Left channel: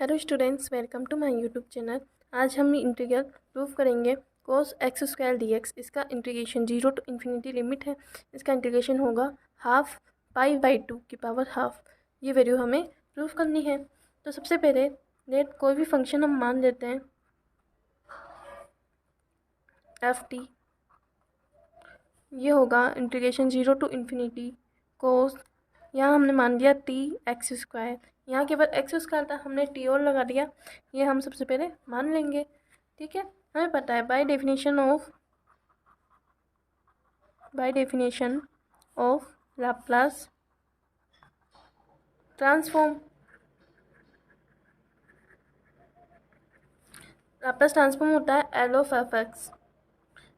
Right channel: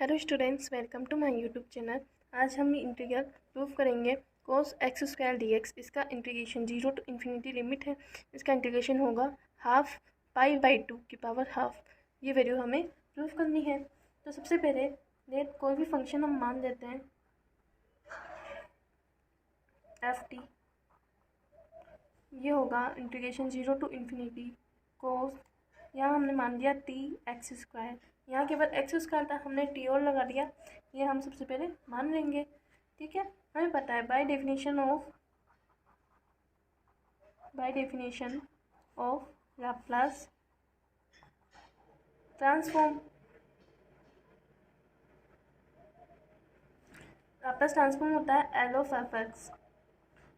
Hello students, welcome to my YouTube channel. आज हम integral prove करेंगे cos x स्क्वायर dx। इसका integration 0 to infinity limit है। इसका इंटीग्रेशन होगा हाफ पाई बाई 2 की पावर हाफ। ये वैल्यू हमें प्रूव करनी है। तो सबसे पहले लेट कोई भी फंक्शन हम मान लेते हैं एफ टी। ये होगा इंटीग्रेशन 0 टू इन्फिनिटी कोस, यहाँ हमने मान दिया टी एक्स स्क्वायर। यहाँ केवल एक्स स्क्वायर था, हमने टी और लगा दिया। ये हम सबसे पहले मान लेंगे। ठीक है, हमें पता है by definition of Laplace transform. Laplace transform होता है एल ऑफ एफ एक्स।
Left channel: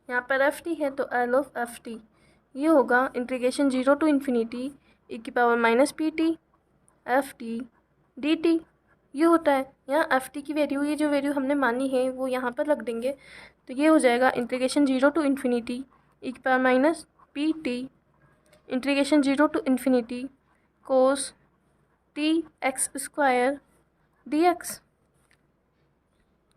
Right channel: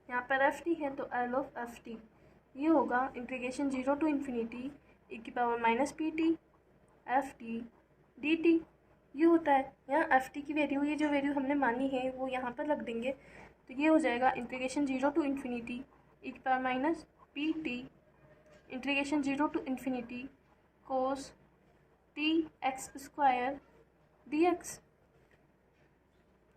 यहाँ पर एफ टी है तो एल ऑफ एफ टी। ये होगा इंटीग्रेशन 0 टू इन्फिनिटी ई की power minus p T F T D T. ये होता है यहाँ एफ टी की वैल्यू, ये जो वैल्यू हमने मानी है वो यहाँ पर रख देंगे। तो ये हो जाएगा इंटीग्रेशन 0 टू इन्फिनिटी ई की power minus p t integration 0 to infinity cos t x square d x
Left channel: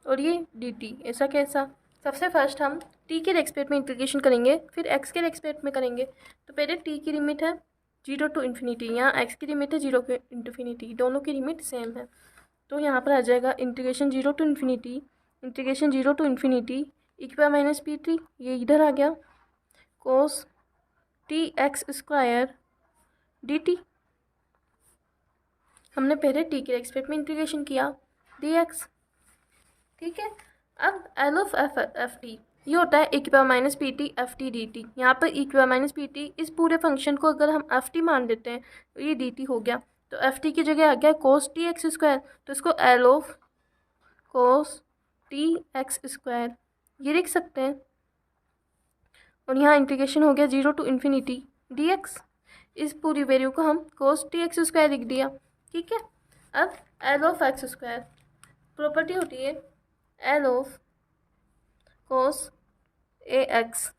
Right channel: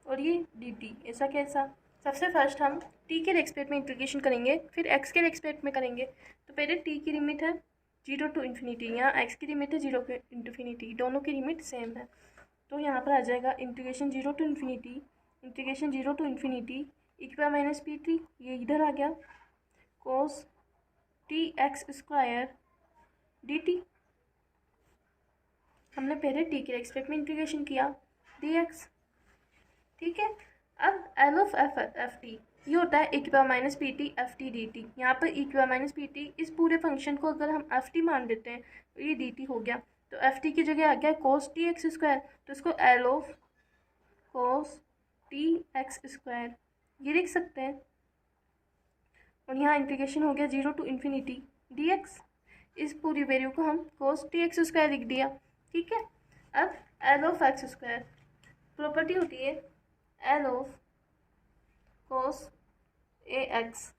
और ये डी टी। ऐसा कैसा? सबसे फर्स्ट हम टी के रेस्पेक्ट में इंटीग्रेशन करेंगे, फिर एक्स के रेस्पेक्ट में करेंगे। तो पहले टी की लिमिट है 0 टू इन्फिनिटी, यहाँ एक्स की लिमिट है 0 टू इन्फिनिटी, दोनों की लिमिट सेम है। तो यहाँ पर आ जाएगा इंटीग्रेशन 0 टू इन्फिनिटी ई की पावर माइनस पी टी, ये इधर आ गया, cos t x square d t. हमने पहले टी के रेस्पेक्ट में इंटीग्रेशन किया डी एक्स। ठीक है, अब एल ऑफ एफ टी ये होता है ई की power minus p T F T D T. यहाँ पर ई की पावर माइनस पी टी, इस पूरे फंक्शन को अगर हम एफ टी मान लेते हैं तो ये डी टी हो गया। तो एफ टी की जगह आ गया कोस टी एक्स स्क्वायर, तो इसको L of cos t x square ये लिख सकते हैं। और यहाँ इंटीग्रेशन हो गया 0 टू इन्फिनिटी डी एक्स। इस पूरी वैल्यू को हम कोस टी एक्स स्क्वायर लिख दिया। ठीक है, अब L of x square property होती है L of cos a x,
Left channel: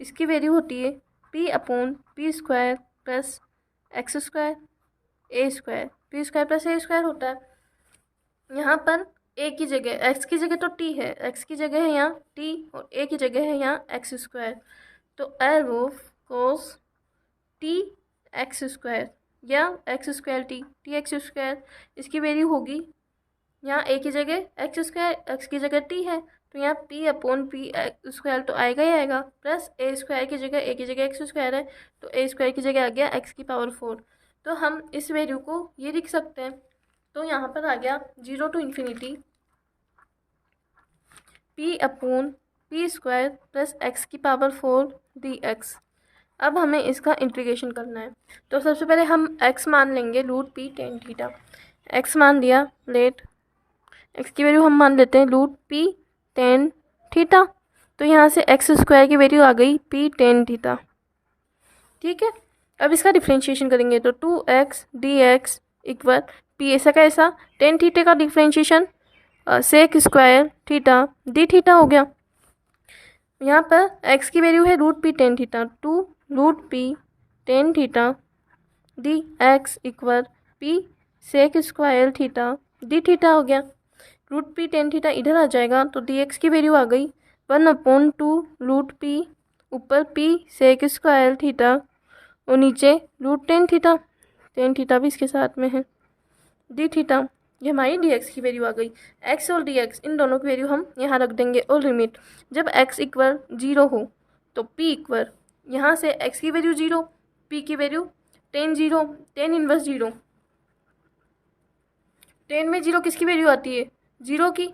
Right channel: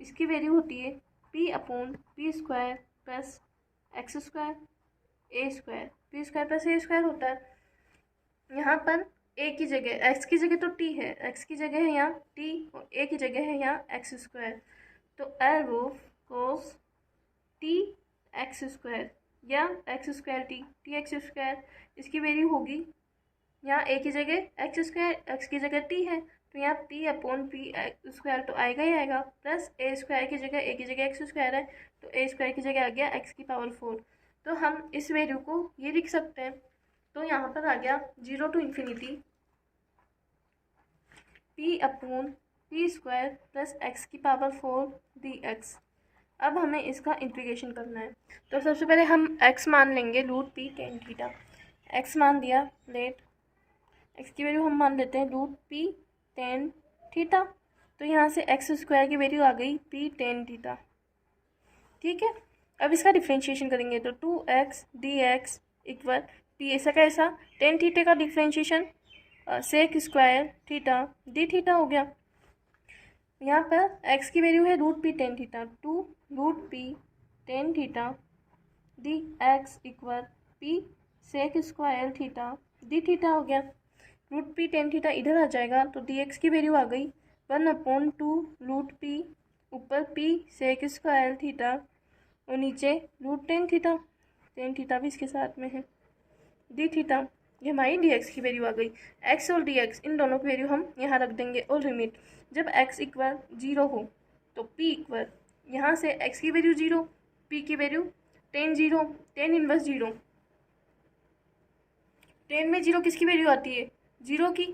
इसकी वैल्यू होती है p upon p square plus x square a square. P square plus a square होता है। यहाँ पर ए की जगह एक्स की जगह तो टी है, एक्स की जगह है यहाँ टी और ए की जगह है यहाँ एक्स स्क्वायर। तो L of cos t x square या x square t x square, इसकी वैल्यू होगी यहाँ ए की जगह एक्स स्क्वायर, एक्स की जगह टी है तो यहाँ पी अपॉन पी स्क्वायर तो आएगा ही आएगा, प्लस ए स्क्वायर की जगह ए की जगह एक्स स्क्वायर है तो ए स्क्वायर की जगह आ गया एक्स की पावर 4। तो हम इस वैल्यू को ये लिख सकते हैं। तो यहाँ पर आ गया 0 to infinity p upon p square plus x की पावर 4 डी एक्स। अब हमें इसका इंटीग्रेशन करना है। तो सबसे पहले हम x मान लेंगे root p tan theta. x मान दिया, लेट x की वैल्यू हम मान लेते हैं रूट पी टेन थीटा। तो यहाँ से एक्स स्क्वायर की वैल्यू आ गई पी टेन थीटा। ठीक है, अब इसका डिफ्रेंशिएशन करेंगे तो 2x D x equal P, ऐसा का ऐसा टेन थीटे का differentiation sec square theta d theta हो गया। यहाँ पर x की वैल्यू है root p tan theta, 2 root p tan theta d x equal p sec square theta d theta हो गया। रूट पी टेन थीटा इधर आ जाएगा तो डी एक्स की वैल्यू आ गई 1/2 रूट पी, ऊपर पी सेक स्क्वायर थीटा और नीचे रूट टेन थीटा भी इसके साथ में है डी थीटा। ये हमारी डी एक्स की वैल्यू आ गई। एक्स और डी एक्स इन दोनों की वैल्यू हम यहाँ रख देंगे और लिमिट जब एक्स इक्वल 0 हो तो पी इक्वल, यहाँ से एक्स की वैल्यू 0, पी की वैल्यू टेन इनवर्स 0। टेन में 0 किसकी वैल्यू आती है? 0 की।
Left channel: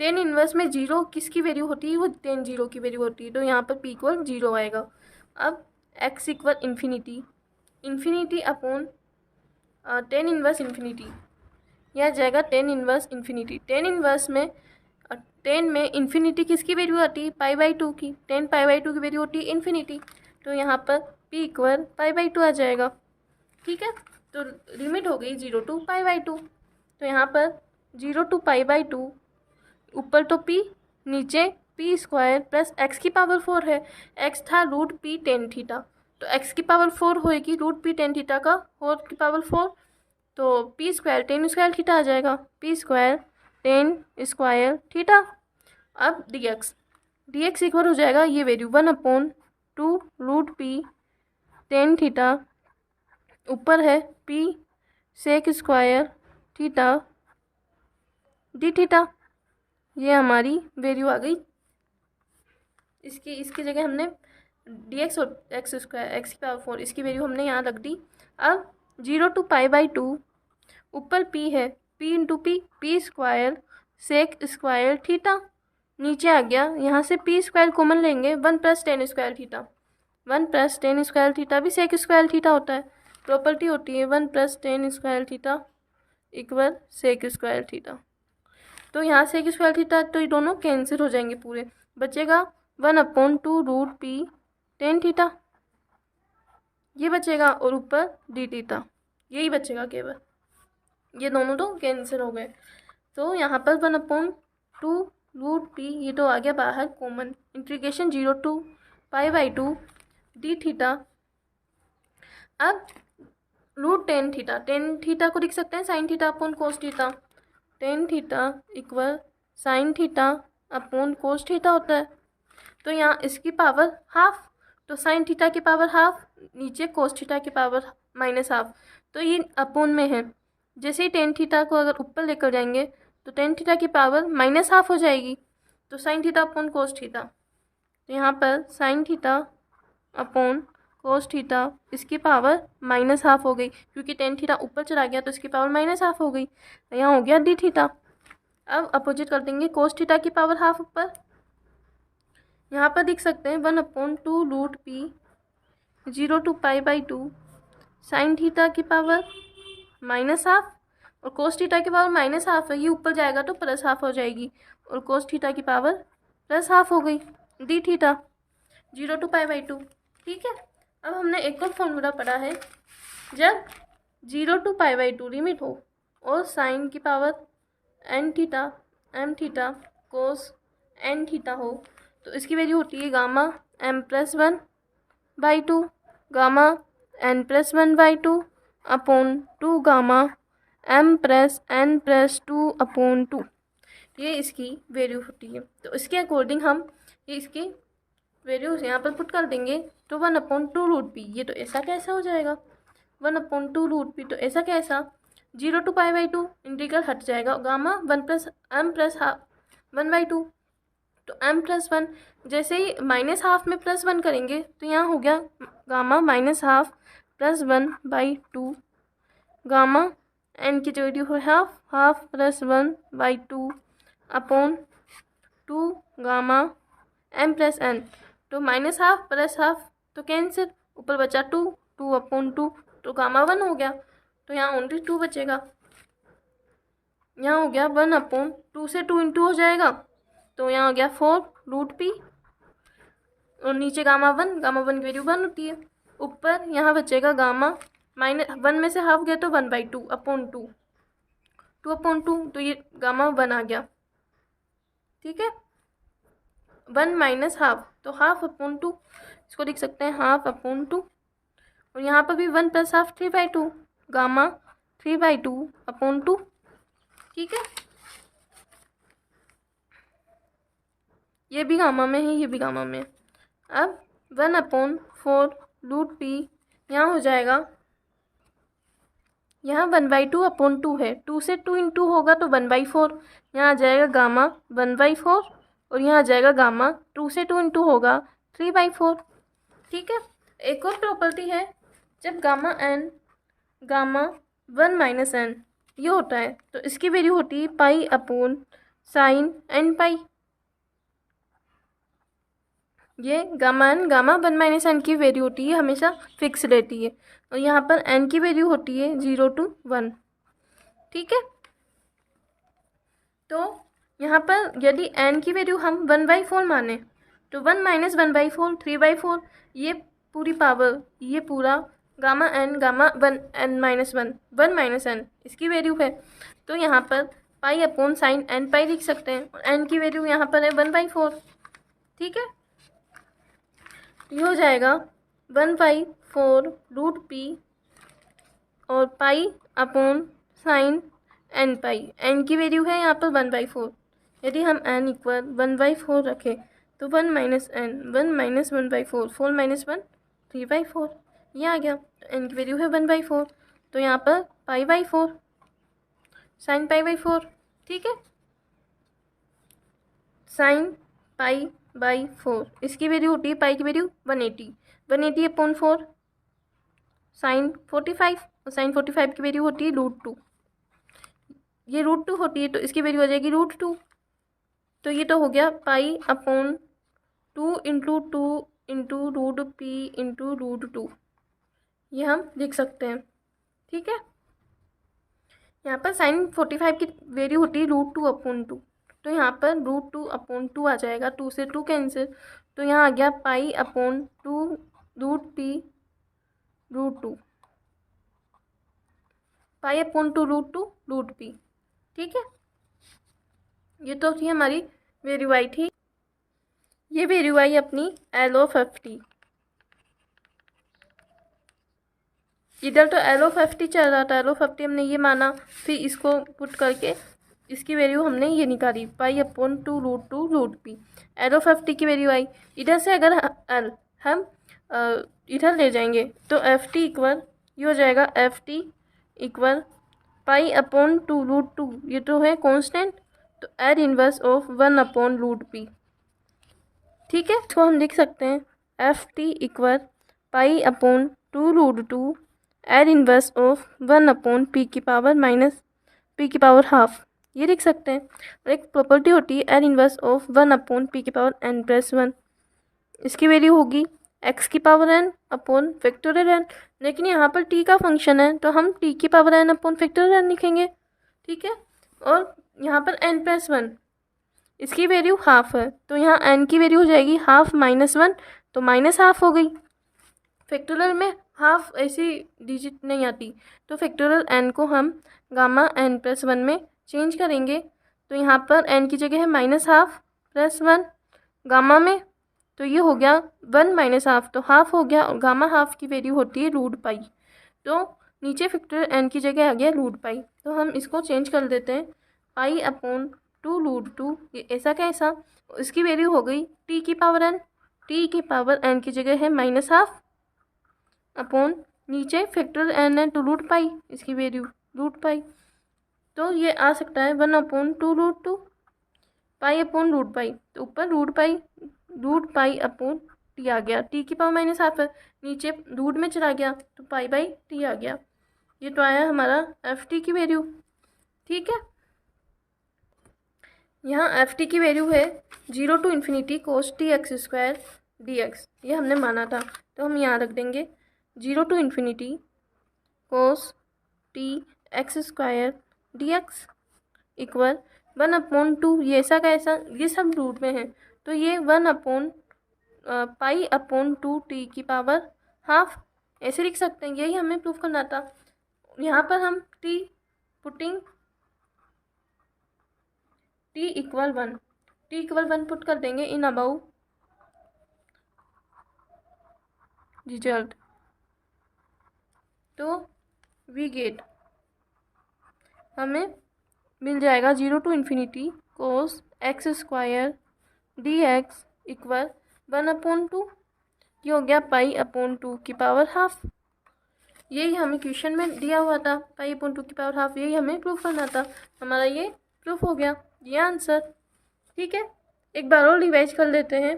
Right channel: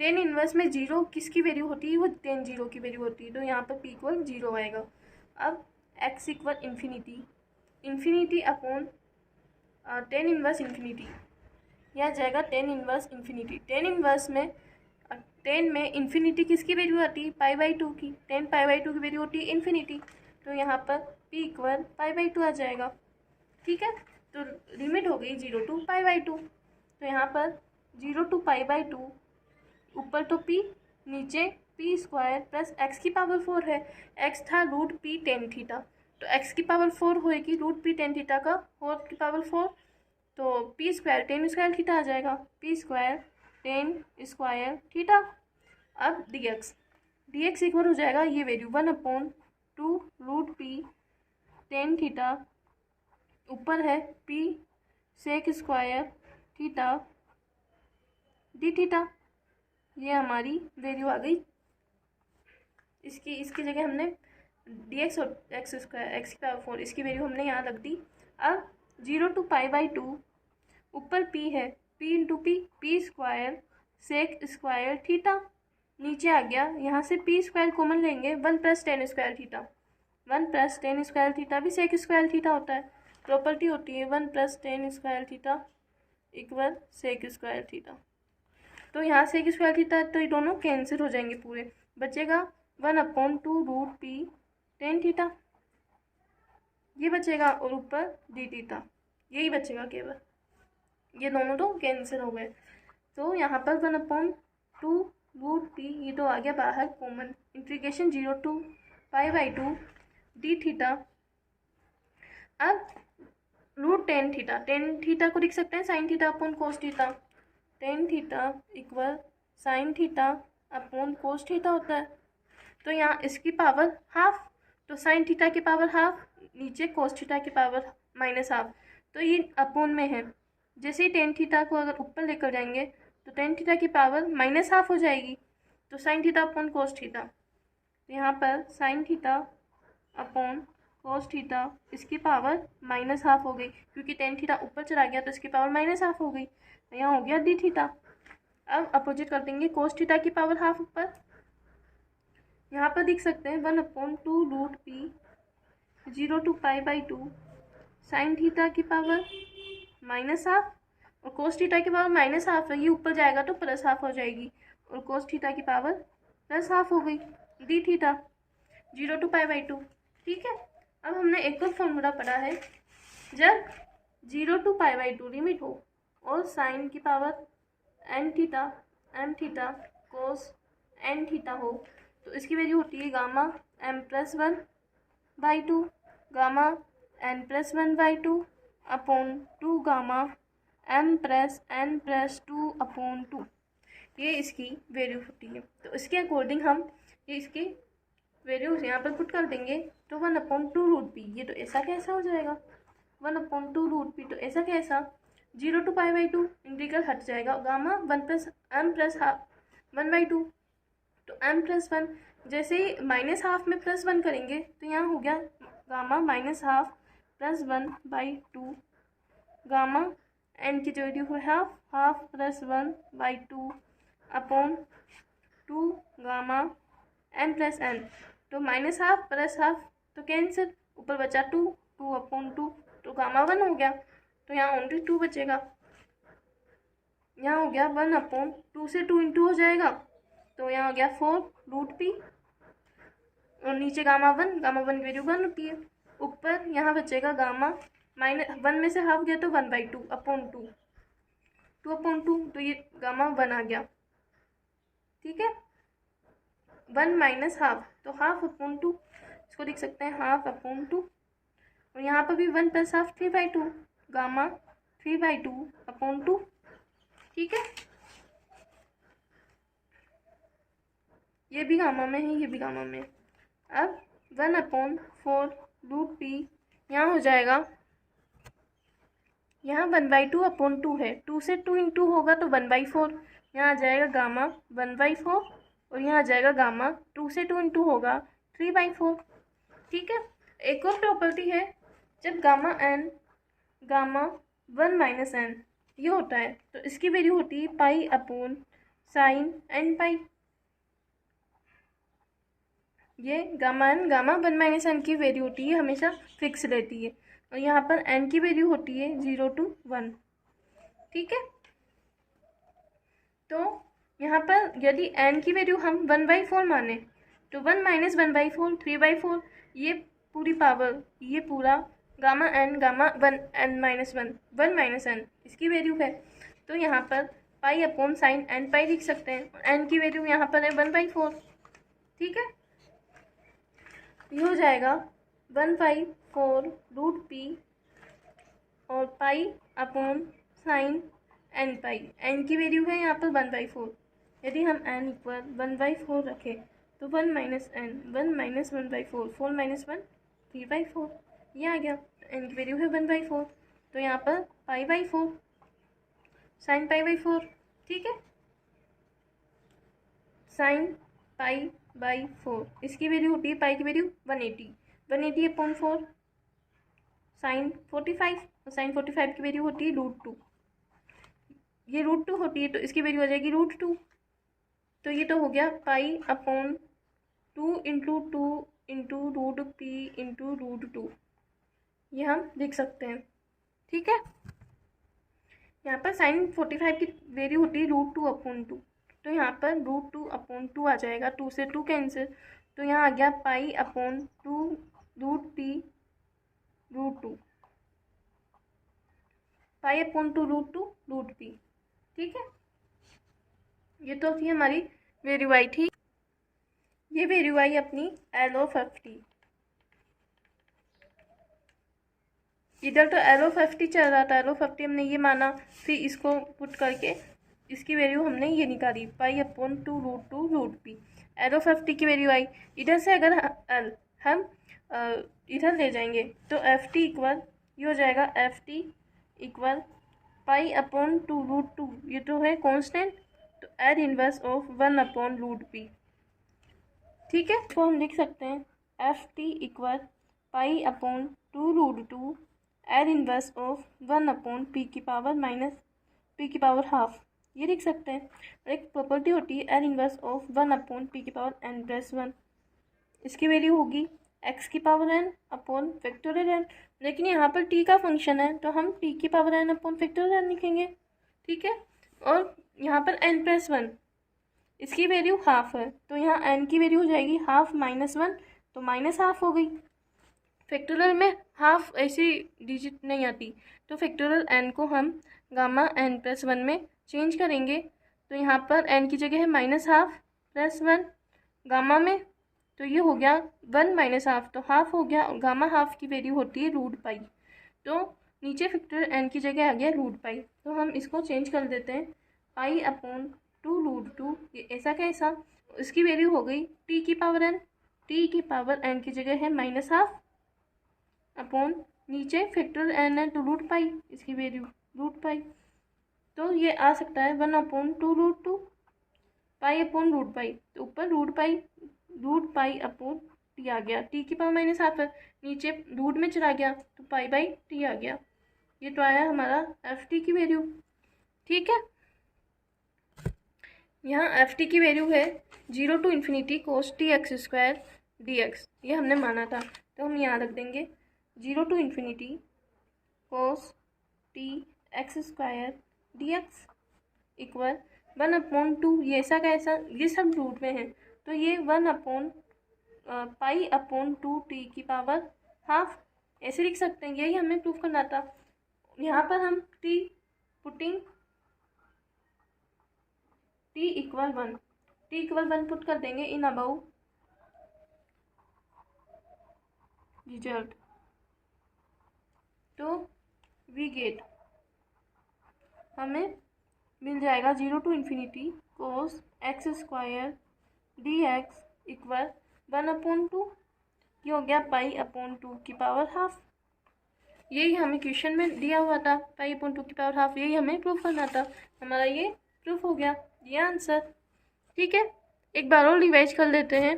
टेन इनवर्स में 0 किसकी वैल्यू होती है? वो टेन 0 की वैल्यू होती है। तो यहाँ पर पी इक्वल 0 आएगा। अब x equal infinity upon tan inverse infinity, यह जाएगा tan inverse infinity. Tan inverse में 10 में इन्फिनिटी किसकी वैल्यू आती है? पाई बाई 2 की। 10 पाई बाई 2 की वैल्यू होती है इन्फिनिटी, तो यहाँ पर p इक्वल पाई बाई 2 आ जाएगा। ठीक है, तो लिमिट हो गई 0 टू पाई बाई 2। तो यहाँ पर 0 टू पाई बाई 2, ऊपर तो p, नीचे पी स्क्वायर प्लस एक्स की पावर 4 है। x था रूट पी टेन थीटा, तो x की पावर 4 होएगी रूट पी टेन थीटा का 4 की पावर 4, तो p square tan square theta आ जाएगा, p square tan square theta. अब डी एक्स इक्वल हो जाएगा ये वैल्यू 1/2 √p टेन थीटा, ऊपर है p sec square theta d theta. ये हमारी वैल्यू आ गई। इसकी जगह हमने डी एक्स और एक्स स्क्वायर एक्स की पावर 4 इसकी वैल्यू हमने यहाँ रख दी। अब 0 to π/2 ऊपर p है, p into p square sec square theta, नीचे आ गया। यहाँ से p स्क्वायर कॉमन लेंगे, 1+10 स्क्वायर थीटा, 1+10 स्क्वायर थीटा भी सेक स्क्वायर थीटा होता है, प्रॉपर्टी होती है 1+10 square theta equal sec square theta. तो यहाँ सेक स्क्वायर थीटा तो ये दोनों कैंसिल हो जाएंगे पूरे, बचेगा 1/2 √p टेन थीटा, ये बचेगा, और ऊपर डी थीटा, यही बचेगा केवल, ये दोनों तो कैंसिल हो गए। तो यहाँ पर 1/2 √p ये तो आ गया बाहर common, integration 0 to π/2 d theta. अब √10 थीटा, टेन थीटा को लिख सकते हैं sine theta upon cos theta, tan theta equal sine theta upon cos theta होता है। तो यहाँ इसकी पावर हाफ, तो साइन थीटा की पावर हाफ, नीचे कोस थीटा की पावर -हाफ, तो ये अपॉन में है। जैसे ही टेन थीटा को अगर ऊपर लेकर जाएंगे तो टेन थीटा की पावर -हाफ हो जाएगी, तो sine theta upon cos theta. तो यहाँ पर sine theta upon cos theta इसकी पावर -हाफ हो गई, क्योंकि टेन थीटा ऊपर चला गया तो इसकी पावर -हाफ हो गई। तो यहाँ हो गया डी थीटा। अब अपोजिट कर देंगे, कोस थीटा की पावर हाफ ऊपर, यहाँ पर देख सकते हैं 1/2 √p 0 to π/2 साइन थीटा की पावर -हाफ और कोस थीटा की पावर -हाफ है, ये ऊपर जाएगा तो +हाफ हो जाएगी, और कोस थीटा की पावर +हाफ हो गई, डी थीटा 0 to π/2। ठीक है, अब हमने एक और फॉर्मूला पढ़ा है, जब 0 to π/2 लिमिट हो और साइन की power n theta m theta cos n theta हो, तो इसकी वैल्यू होती है gamma m+1/2 gamma n+1/2 upon 2 gamma m+n+2/2, ये इसकी वैल्यू होती है। तो इसके अकॉर्डिंग हम इसकी वैल्यूज यहाँ पर पुट कर देंगे, तो 1/2 √p ये तो ऐसा कैसा हो जाएगा, 1/2 √p तो ऐसा कैसा, 0 to π/2 इंटीग्रल हट जाएगा, गामा 1+m+1/2, तो m+1 जैसे ही -हाफ में +1 करेंगे तो यहाँ हो गया गामा -हाफ +1/2 गामा n की जो वैल्यू हो हाफ +1/2 अपॉन 2 गामा m+n, तो -हाफ +हाफ तो कैंसिल, ऊपर बचा 2/2 तो गामा 1 हो गया, तो यहाँ ओनली 2 बचेगा। यहाँ हो गया 1/2 से 2 इंटू हो जाएगा, तो यहाँ हो गया 4 √p, और नीचे गामा 1 की वैल्यू 1 होती है, ऊपर यहाँ बचेगा गामा -1 में से हाफ गया तो 1/2 अपॉन 2/2, तो ये गामा 1 आ गया। ठीक है, 1 - हाफ तो हाफ अपॉन 2, इसको लिख सकते हैं हाफ अपॉन 2, और यहाँ पर भी 1 + हाफ 3/2 गामा 3/2 अपॉन 2। ठीक है, ये भी गामा में है, ये भी गामा में है। अब 1/4 √p यहाँ हो जाएगा, यहाँ 1/2 अपॉन 2 है, 2 से 2 इंटू होगा तो 1/4, यहाँ आ जाएगा गामा 1/4, और यहाँ आ जाएगा गामा 2 से 2 इंटू होगा 3/4। ठीक है, एक और प्रॉपर्टी है, जब गामा 1 - n ये होता है तो इसकी वैल्यू होती है π/sin n π। ये गामा 1 - n की वैल्यू होती है, हमेशा फिक्स रहती है, और यहाँ पर n की वैल्यू होती है 0 to 1। ठीक है, तो यहाँ पर यदि n की वैल्यू हम 1/4 माने तो 1 - 1/4 3/4, ये पूरी पावर, ये पूरा गामा 1 1 - n इसकी वैल्यू है, तो यहाँ पर π/sin n π लिख सकते हैं, और n की वैल्यू यहाँ पर है 1/4। ठीक है, ये हो जाएगा 1/4 √p और पाई अपॉन साइन एन पाई। एन की वैल्यू है यहाँ पर 1/4। यदि हम एन इक्वल 1/4 रखें तो 1 माइनस एन 1 माइनस 1/4 4 माइनस 1 3/4 ये आ गया। एन की वैल्यू है 1/4 तो यहाँ पर π/4 साइन π/4। ठीक है, साइन π/4 इसकी वैल्यू होती है पाई की वैल्यू 180 अपॉन 4 साइन 45 और साइन 45 की वैल्यू होती है √2। ये √2 होती है तो इसकी वैल्यू आ जाएगी √2। तो ये तो हो गया पाई upon 2 into 2 into √p into √2 ये हम लिख सकते हैं। ठीक है, यहाँ पर साइन 45 की वैल्यू होती है √2 अपॉन 2 तो यहाँ पर √2 अपॉन 2 आ जाएगा। 2 से 2 कैंसिल तो यहाँ आ गया पाई अपॉन 2 √p √2 पाई अपॉन 2 √2 √p। ठीक है, ये तो थी हमारी वैल्यू आई थी। ये वैल्यू आई अपनी एल ऑफ एफ टी। इधर तो एल ऑफ एफ टी चल रहा था, एल ऑफ एफ टी हमने ये माना, फिर इसको पुट करके इसकी वैल्यू हमने ये निकाली पाई upon 2 √2 √p। L of f t की वैल्यू आई। इधर से अगर एल हम इधर ले जाएंगे तो एफ टी इक्वल ये हो जाएगा f t equal pi upon 2 √2 ये तो है कांस्टेंट तो L inverse of 1 upon √p। ठीक है, तो हम लिख सकते हैं f t equal pi upon 2 √2 L inverse of 1 upon p की पावर माइनस p की पावर हाफ ये लिख सकते हैं। और एक प्रॉपर्टी होती है L inverse of 1 upon p की पावर n+1 इसकी वैल्यू होगी x की power n upon factorial n। लेकिन यहाँ पर t का फंक्शन है तो हम t की power n upon factorial n लिखेंगे। ठीक है, और यहाँ पर n+1 इसकी वैल्यू हाफ है तो यहाँ n की वैल्यू हो जाएगी हाफ -1 तो माइनस हाफ हो गई। फैक्टोरियल में हाफ ऐसी डिजिट नहीं आती तो फैक्टोरियल n को हम गामा n+1 में चेंज करेंगे तो यहाँ पर n की जगह है -1/2 गामा में तो ये हो गया 1 माइनस हाफ तो हाफ हो गया और गामा हाफ की वैल्यू होती है √π। तो नीचे फैक्टोरियल n की जगह आ गया √π तो हम इसको चेंज कर देते हैं पाई अपॉन 2 √2 ये ऐसा कैसा इसकी वैल्यू हो गई t की पावर n। t की पावर n की जगह है -1/2 अपॉन नीचे फैक्टोरियल n है तो √π इसकी वैल्यू √π तो ये आ सकता है 1 अपॉन 2 √2 पाई अपॉन √π तो ऊपर √π अपॉन t आ गया। t की पावर -1/2 है नीचे रूट में चला गया तो π/t आ गया। ये तो आया हमारा एफ टी की वैल्यू। ठीक है, यहाँ एफ टी की वैल्यू है 0 to ∞ cos t(x²) dx ये हमने माना था तो हम यहाँ रख देंगे 0 to ∞ cos t(x² dx equal 1 upon 2 ये ऐसा का ऐसा ये सब रूट में है तो ये 1 अपॉन पाई अपॉन 2 t की पावर हाफ ऐसे लिख सकते हैं। यही हमें प्रूफ करना था। यहाँ पर हम t putting t equal 1 put कर देंगे इन अबाउट रिजल्ट तो वी गेट हमें मिल जाएगा 0 to ∞ cos x² dx equal 1 upon 2 ये हो गया पाई अपॉन 2 की पावर हाफ। यही हमें क्वेश्चन में दिया हुआ था पाई अपॉन 2 की पावर हाफ यही हमें प्रूफ करना था। हमारा ये प्रूफ हो गया ये आंसर। ठीक है, एक बार और रिवाइज कर लेते हैं।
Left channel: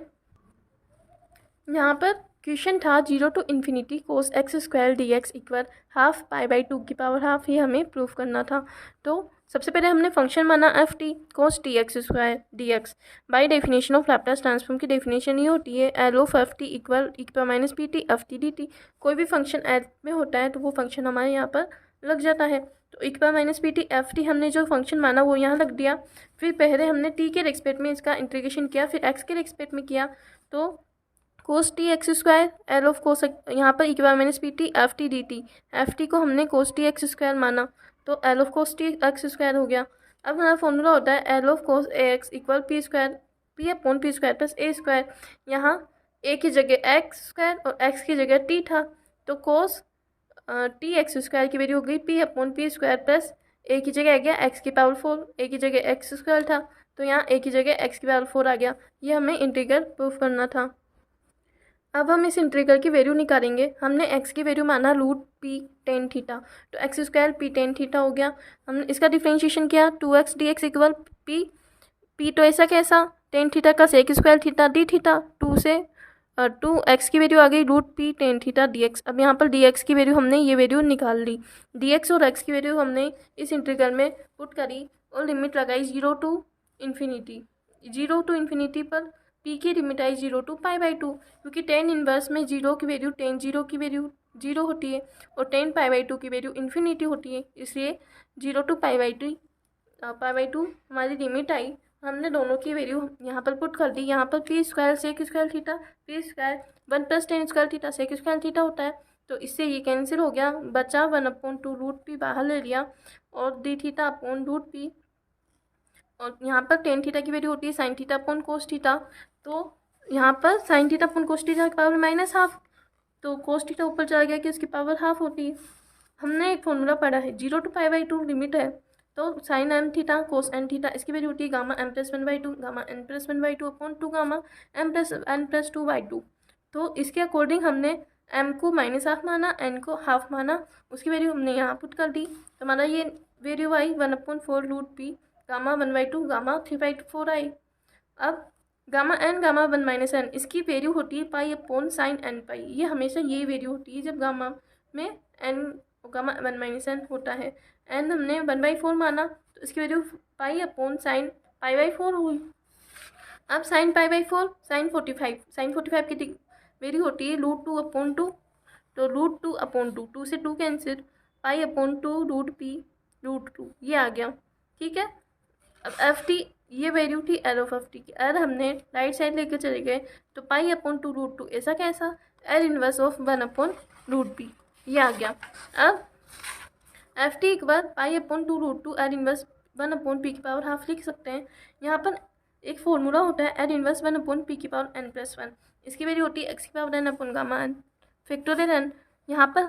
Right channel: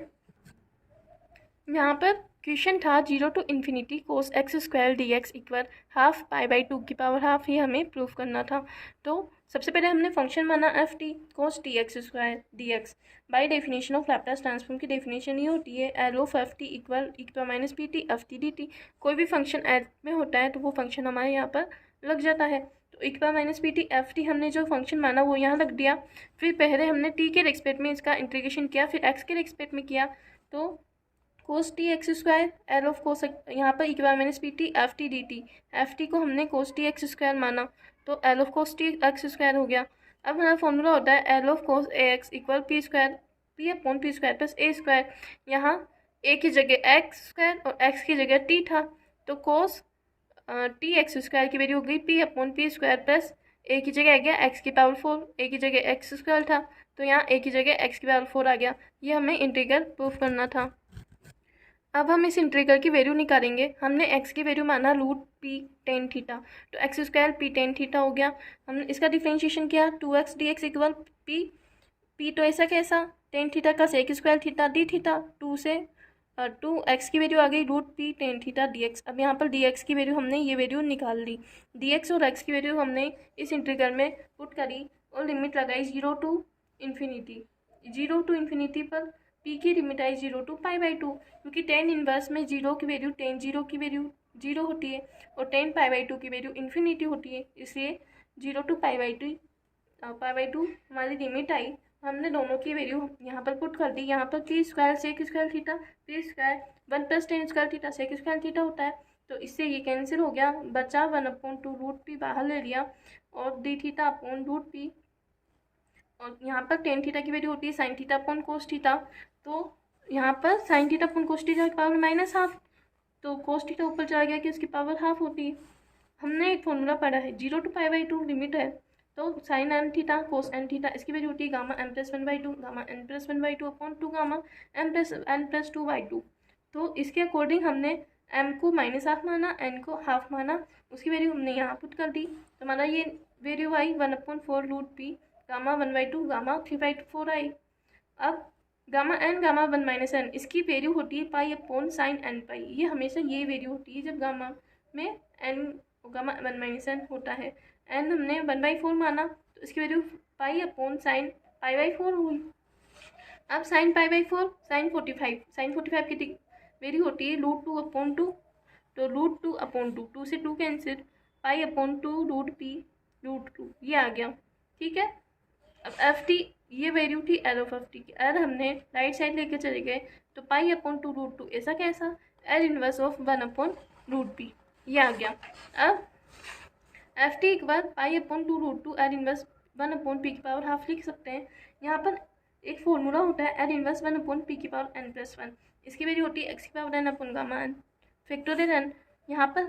यहाँ पर क्वेश्चन था 0 to ∞ cos x² dx equal half π/2 की पावर हाफ ये हमें प्रूफ करना था। तो सबसे पहले हमने फंक्शन माना F T cos t(x² dx। By definition of Laplace transform की डेफिनेशन ये होती है L of f t equal e⁻pt ft dt। कोई भी फंक्शन एल में होता है तो वो फंक्शन हमारे यहाँ पर लग जाता है। तो e⁻pt ft हमने जो फंक्शन माना वो यहाँ रख दिया। फिर पहले हमने t के रिस्पेक्ट में इसका इंटीग्रेशन किया फिर x के रिस्पेक्ट में किया तो cos t(x²) एल ऑफ कोस यहाँ पर e⁻pt ft dt F T को हमने cos t(x² माना तो एल ऑफ कोस t(x² हो गया। अब हमारा फॉर्मूला होता है L of cos ax equal p upon p² plus a²। यहाँ a की जगह x² और x की जगह t था तो कोस टी एक्स स्क्वायर की वैल्यू हो गई p upon p square plus a की जगह आ गया एक्स की पावर 4, ए की जगह एक्स स्क्वायर था तो यहाँ ए की जगह एक्स की पावर 4 आ गया। ये हमें इंटीग्रल प्रूफ करना था। अब हम इस इंटीग्रल की वैल्यू निकालेंगे। हमने x की वैल्यू माना रूट पी टेन थीटा, तो x square P tan theta हो गया। हमने इसका डिफ्रेंशिएशन किया 2x dx इक्वल पी तो ऐसा कैसा टेन थीटा का sec square theta d theta, 2 से 2x की वैल्यू आ गई root p tan theta dx। अब यहाँ पर dx की वैल्यू हमने ये वैल्यू निकाल ली। dx और x की वैल्यू हमने इस इंटीग्रल में पुट करी और लिमिट लगाई 0 टू इन्फिनिटी। 0 टू इन्फिनिटी पर p की लिमिट आई 0 टू π/2, क्योंकि टेन इनवर्स में 0 की वैल्यू टेन 0 की वैल्यू 0 होती है और टेन π/2 की वैल्यू इन्फिनिटी होती है, इसलिए 0 टू π/2 हमारी लिमिट आई। हमने दोनों की वैल्यू यहाँ पर पुट कर दी। यहाँ पर p square sec square theta, p square 1 plus tan square theta sec square theta होता है, तो इससे ये कैंसिल हो गया, बचा 1/2 रूट पी बाहर ले लिया और d theta upon root p. और यहाँ पर टेन थीटा की वैल्यू होती है sine theta upon cos theta, तो यहाँ पर sine theta upon cos theta की पावर -12, तो कोस थीटा ऊपर चला गया कि उसकी पावर हाफ होती है। हमने एक फॉर्मूला पढ़ा है 0 टू π/2 लिमिट है, तो sine m theta cos n theta इसकी वैल्यू होती है gamma m plus 1/2 gamma n plus 1/2 upon 2 gamma m plus n plus 2/2। तो इसके अकॉर्डिंग हमने m को -12 माना, n को हाफ माना, उसकी वैल्यू हमने यहाँ पुट कर दी। तो हमारा ये वैल्यू आई 1/4 रूट पी गामा 1/2 गामा 3/4 आई। अब गामा n गामा 1 - n इसकी वैल्यू होती है पाई अपॉन साइन n पाई। ये हमेशा ये वैल्यू होती है जब गामा में n गामा 1 - n होता है। n हमने 1/4 माना तो इसकी वैल्यू पाई अपॉन साइन π/4 हुई। अब साइन π/4 साइन 45 की वैल्यू होती है √2/2, तो √2/2 2 से 2 cancel, pi upon 2 root p √2 ये आ गया। ठीक है, अब एफ टी ये वैल्यू थी एल ऑफ एफ टी की, एल हमने राइट साइड लेके चले गए तो पाई अपॉन 2 √2 ऐसा कैसा एल इनवर्स ऑफ 1/√p ये आ गया। अब एफ टी के बाद पाई अपॉन 2 √2 एल इनवर्स 1/p की पावर हाफ लिख सकते हैं। यहाँ पर एक फॉर्मूला होता है एल इनवर्स 1/p की पावर n+1, इसकी वैल्यू होती है एक्स की power n upon gamma n factorial n। यहाँ पर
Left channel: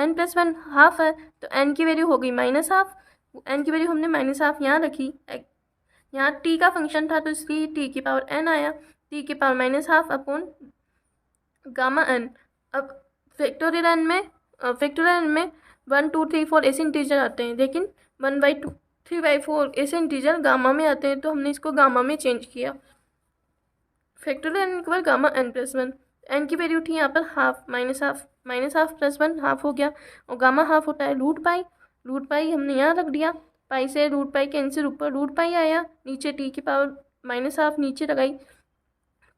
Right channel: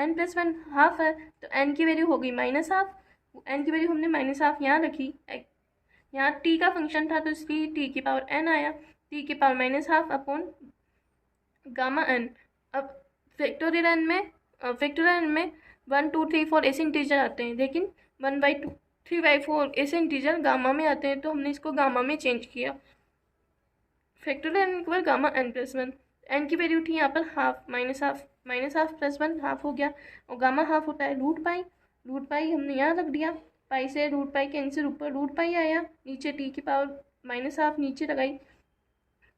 n+1 हाफ है तो n की वैल्यू हो गई -12, n की वैल्यू हमने -12 यहाँ रखी, यहाँ t का फंक्शन था तो इसलिए t की पावर n आया, t की पावर -12 अपॉन गामा n। अब फैक्टोरियल n में 1 2 3 4 ऐसे इंटीजर आते हैं, लेकिन 1/2 3/4 ऐसे इंटीजर गामा में आते हैं, तो हमने इसको गामा में चेंज किया। Factorial n equal gamma n+1, n की वैल्यू थी यहाँ पर हाफ -12 + 1 हाफ हो गया, और गामा हाफ होता है रूट पाई हमने यहाँ रख दिया, पाई से रूट पाई कैंसिल, ऊपर रूट पाई आया, नीचे t की पावर -12 नीचे लगाई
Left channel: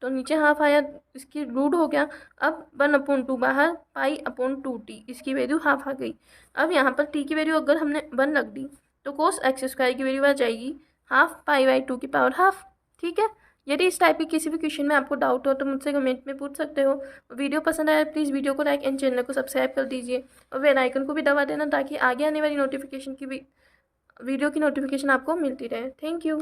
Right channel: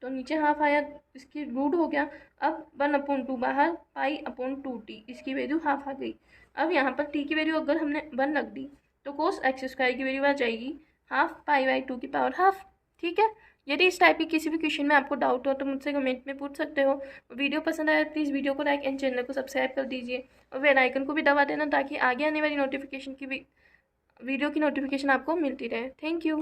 तो नीचे हाफ आया, इसकी रूट हो गया। अब 1/2 बाहर, पाई अपॉन 2t इसकी वैल्यू हाफ आ गई। अब यहाँ पर t की वैल्यू अगर हमने 1 रख दी तो कोस एक्स स्क्वायर की वैल्यू आ जाएगी हाफ π/2 की पावर हाफ। ठीक है, यदि इस टाइप की किसी भी क्वेश्चन में आपको डाउट हो तो मुझसे कमेंट में पूछ सकते हो। वीडियो पसंद आए प्लीज़ वीडियो को लाइक एंड चैनल को सब्सक्राइब कर दीजिए और बेल आइकन को भी दबा देना ताकि आगे आने वाली वीडियो की नोटिफिकेशन आपको मिलती रहे। Thank you.